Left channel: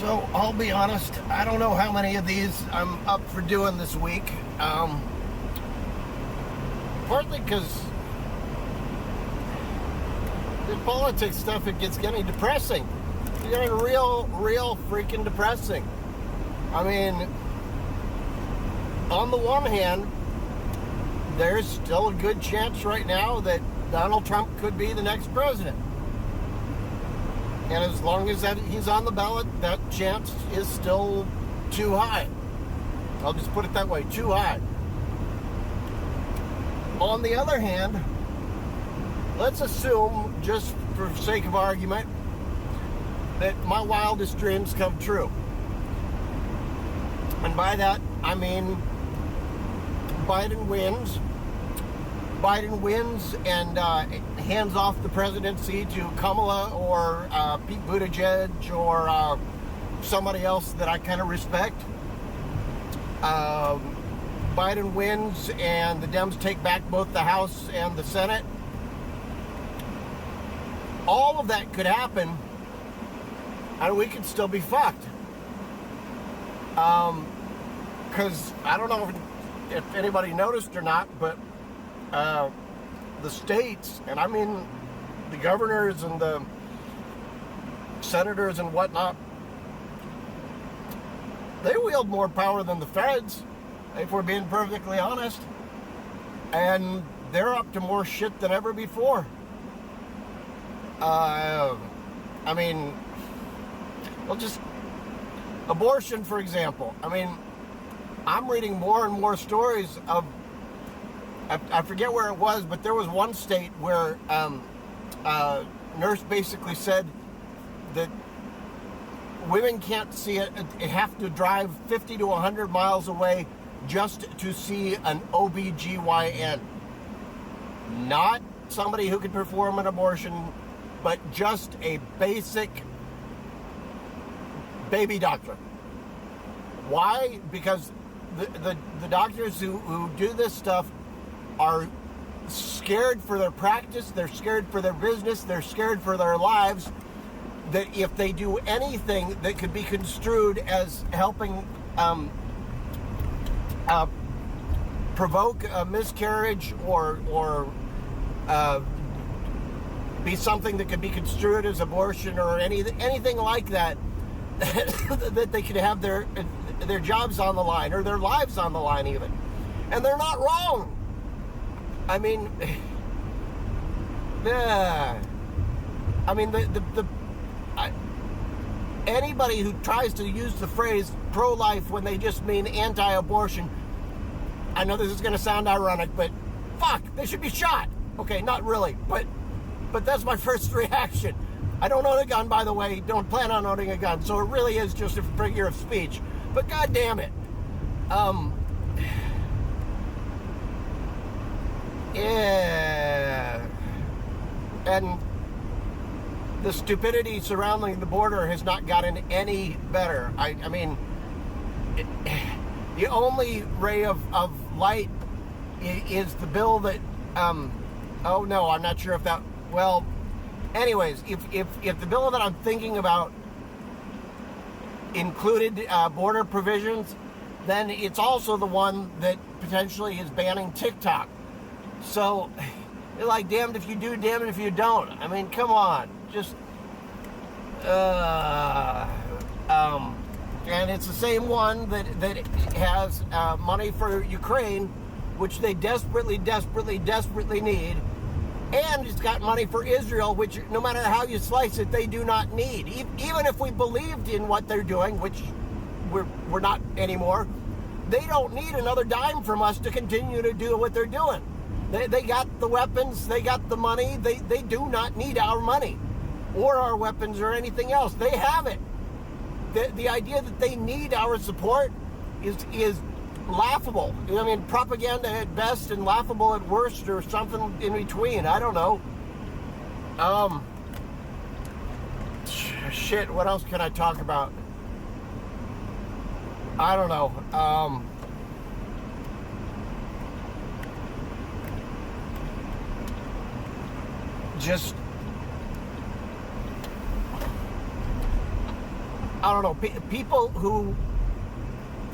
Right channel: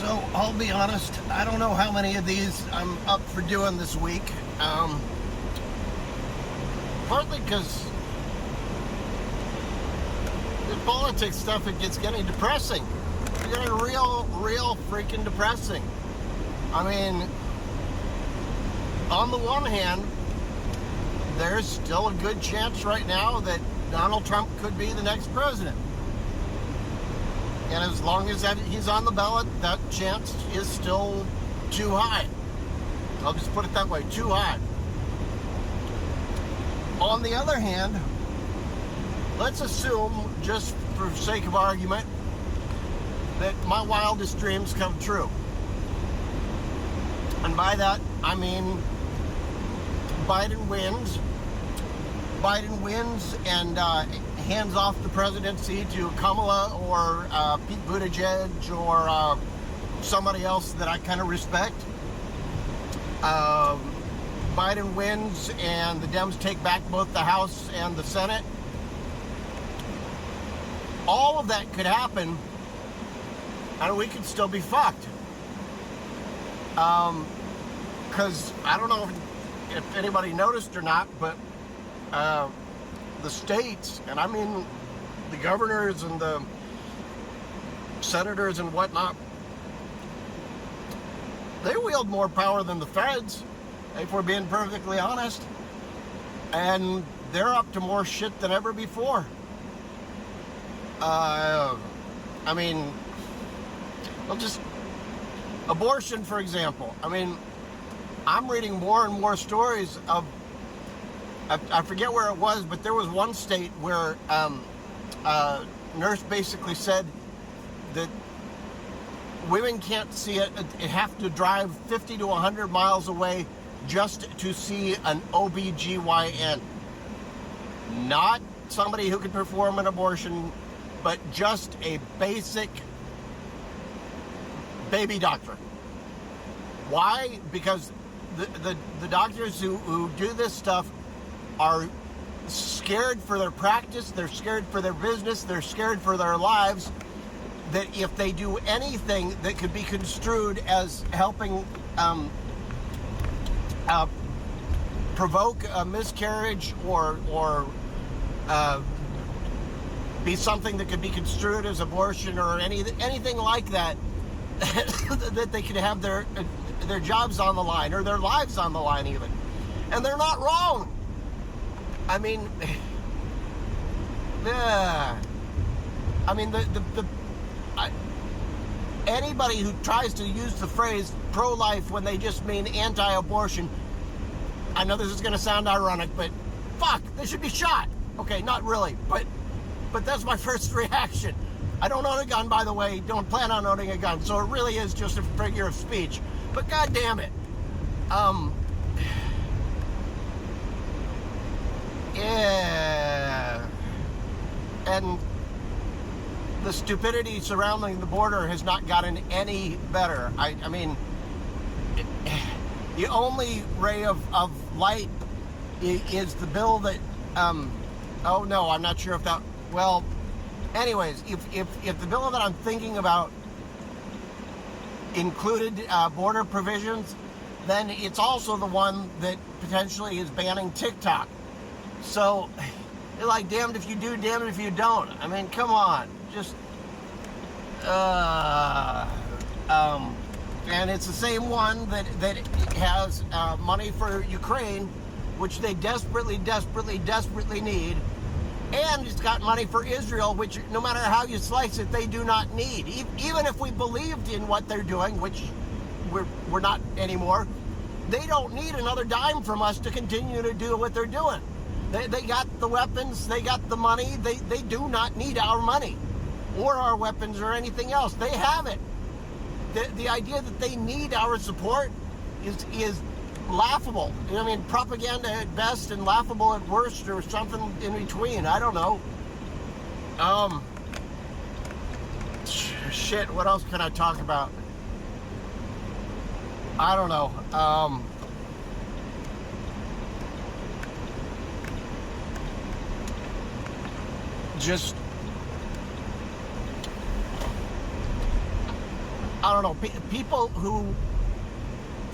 So I'll be honest, I don't know how many of these I'm up for doing this week. Partly because the politics stuff, it gets getting depressing. It's getting real freaking depressing. I mean, on the one hand, there's still a good chance right now that Donald Trump could be the next president. And as long as he's on the ballot, that chance is still too high. I'll just put it that way, too high. On the other hand, let's assume, just for sake of argument, that my wildest dreams come true. And by that, I mean Biden wins. Biden wins and hands off the presidency to Kamala or Pete Buttigieg or somebody else that I kind of respect. Biden wins and the Dems take back both the House and the Senate. All of that could happen and we could still be fucked. Because I don't know if anybody noticed or not, but the states, and I mean the governors and the senators and whatnot, they wield more power than the feds, if we're being perfectly honest. And they're up to more shit than ever before. I mean, well, just abortion, for example. I mean, I'm reading more and more stories of, I forget where it was, but there was one state where a nurse basically said that women can't see it, have to drive 50 to 100 miles away just to see an OBGYN. Not somebody who could perform an abortion, but just a basic baby doctor. Why? Because the doctors who do this stuff are scared for their practice, they're scared for their business, they're scared for their lives, that if they do anything that could be construed as helping provoke a miscarriage or be something that could be construed as abortion or anything like that, that they could have their jobs on the line or their lives on the line even. And they're not wrong. I mean, yeah. I mean, anybody who tries to use the phrase pro-life when they just mean anti-abortion, I know this is going to sound ironic, but fuck, they should be shot. Okay, not really, but that's my first reaction. I don't own a gun, by the way. Don't plan on owning a gun, so it really is just a figure of speech. But god damn it, yeah, and the stupidity surrounding the border has not gotten any better. I mean, the only ray of light is the bill that, oh no, I'm not sure if that, well, anyways, if the bill that I'm thinking about included border provisions, then it's also the one that potentially is banning TikTok. So, they're like, damned if you do, damned if you don't. I mean, come on. Just, and it's the same one that has money for Ukraine, which they desperately need. And it's got money for Israel, which no matter how you slice it, they do not need. Even if we believed in what they're doing, which we're not anymore, they don't need another dime from us to continue to do what they're doing. They got the weapons, they got the money, they do not need our money or our weapons or anything else. They have it. The idea that they need our support is laughable. You know, I mean, propaganda at best and laughable at worst, or something in between. I don't know. Shit, what else can I talk about? I don't know. Just, I don't know, people who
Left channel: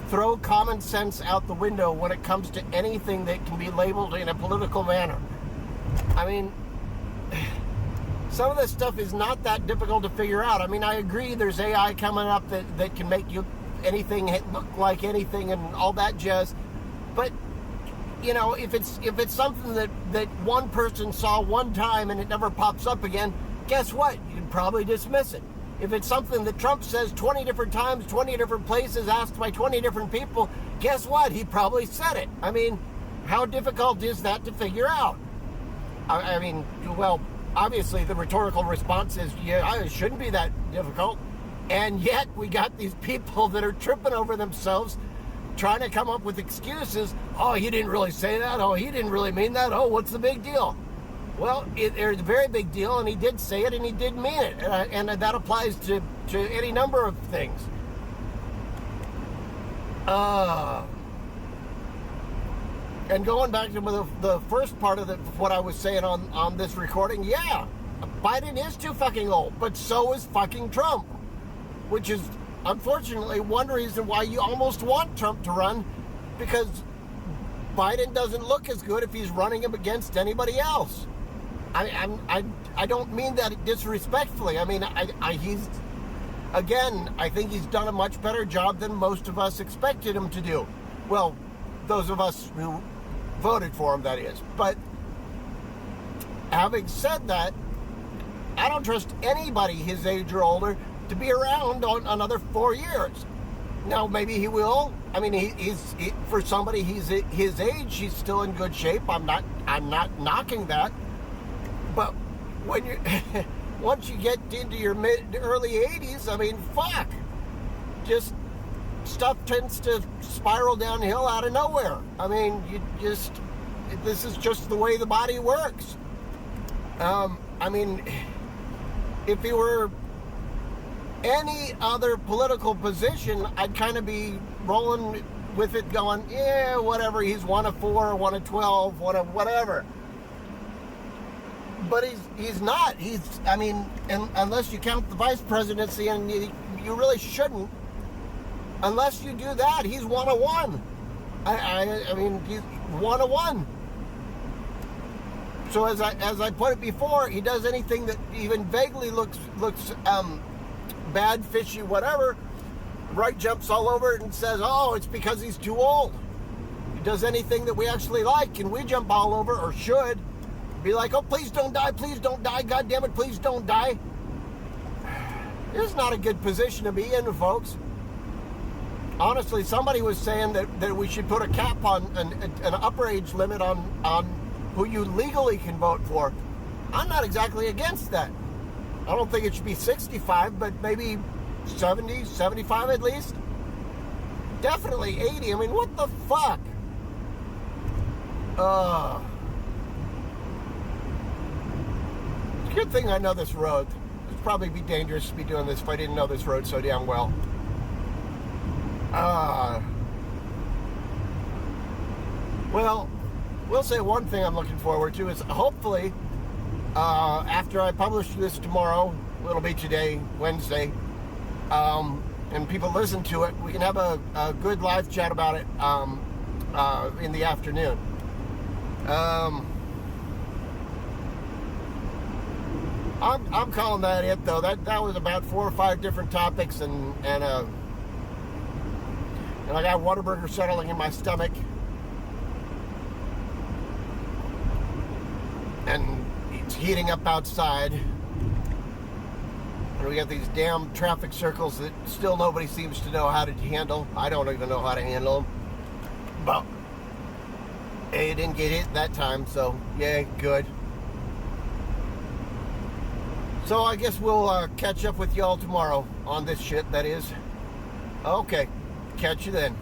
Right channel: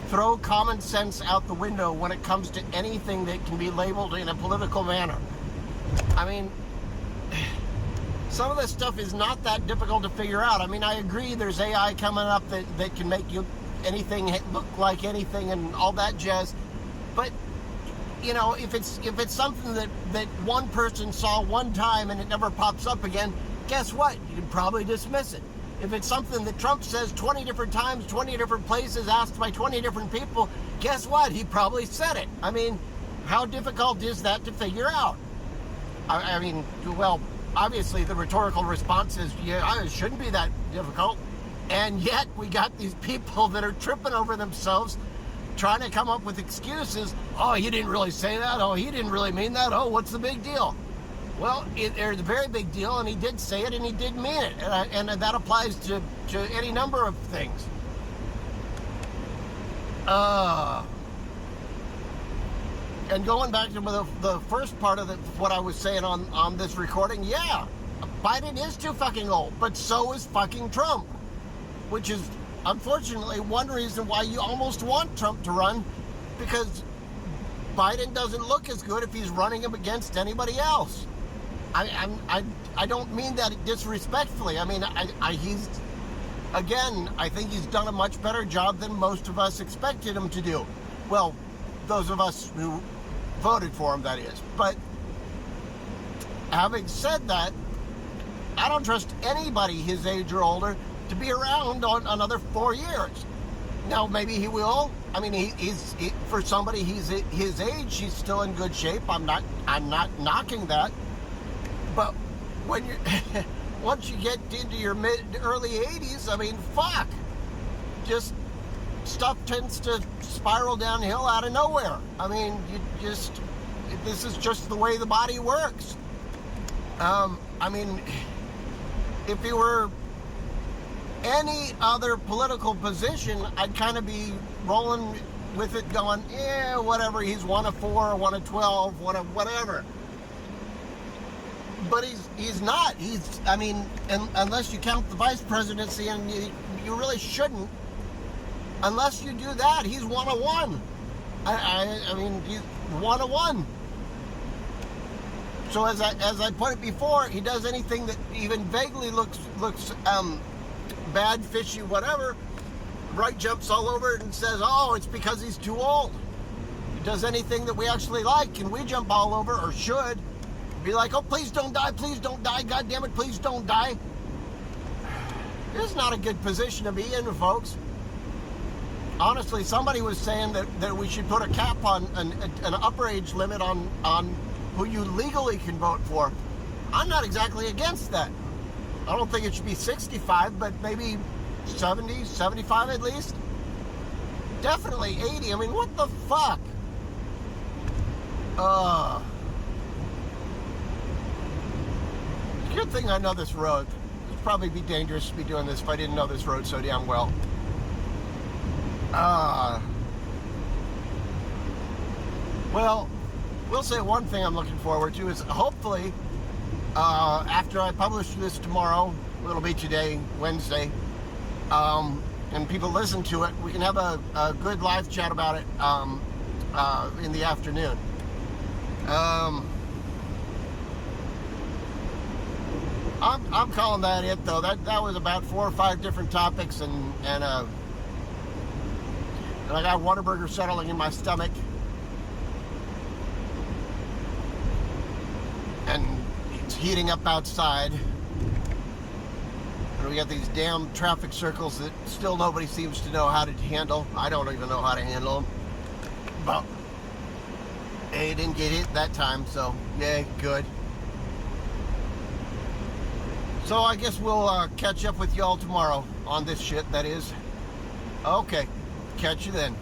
throw common sense out the window when it comes to anything that can be labeled in a political manner. I mean, some of this stuff is not that difficult to figure out. I mean, I agree there's AI coming up that can make you anything look like anything and all that jazz. But, you know, if it's something that one person saw one time and it never pops up again, guess what? You'd probably dismiss it. If it's something that Trump says 20 different times, 20 different places, asked by 20 different people, guess what? He probably said it. I mean, how difficult is that to figure out? I mean, well, obviously the rhetorical response is, yeah, it shouldn't be that difficult. And yet we got these people that are tripping over themselves, trying to come up with excuses. Oh, he didn't really say that. Oh, he didn't really mean that. Oh, what's the big deal? Well, there's a very big deal, and he did say it, and he did mean it, and that applies to any number of things. And going back to the first part of what I was saying on this recording, yeah, Biden is too fucking old, but so is fucking Trump, which is unfortunately one reason why you almost want Trump to run, because Biden doesn't look as good if he's running him against anybody else. I don't mean that disrespectfully. I mean, I think he's done a much better job than most of us expected him to do. Well, those of us who voted for him, that is. But having said that, I don't trust anybody his age or older to be around on another 4 years. Now, maybe he will. I mean, for somebody his age, he's still in good shape. I'm not knocking that. But when you once you get into your early 80s, I mean, fuck. Just stuff tends to spiral downhill out of nowhere. I mean, this is just the way the body works. I mean, if he were any other political position, I'd kind of be rolling with it going, yeah, whatever, he's 1 of 4, 1 of 12, 1 of whatever. But he's not. I mean, unless you count the vice presidency, and you really shouldn't. Unless you do that, he's 1 of 1. I mean, he's 1 of 1. So as I put it before, he does anything that even vaguely looks bad, fishy, whatever. Right jumps all over it and says, oh, it's because he's too old. He does anything that we actually like, and we jump all over, or should. Be like, oh, please don't die, God damn it, please don't die. This is not a good position to be in, folks. Honestly, somebody was saying that we should put a cap on an upper age limit on who you legally can vote for. I'm not exactly against that. I don't think it should be 65, but maybe 70, 75 at least. Definitely 80. I mean, what the fuck? Good thing I know this road. It'd probably be dangerous to be doing this if I didn't know this road so damn well. Well, we'll say one thing I'm looking forward to is hopefully after I publish this tomorrow, it'll be today, Wednesday, and people listen to it, we can have a good live chat about it in the afternoon. I'm calling that it, though. That was about 4 or 5 different topics, and I got Whataburger settling in my stomach, and it's heating up outside, and we got these damn traffic circles that still nobody seems to know how to handle. I don't even know how to handle them, but hey, didn't get hit that time, so yay, good. So I guess we'll catch up with y'all tomorrow on this shit, that is. Okay, catch you then.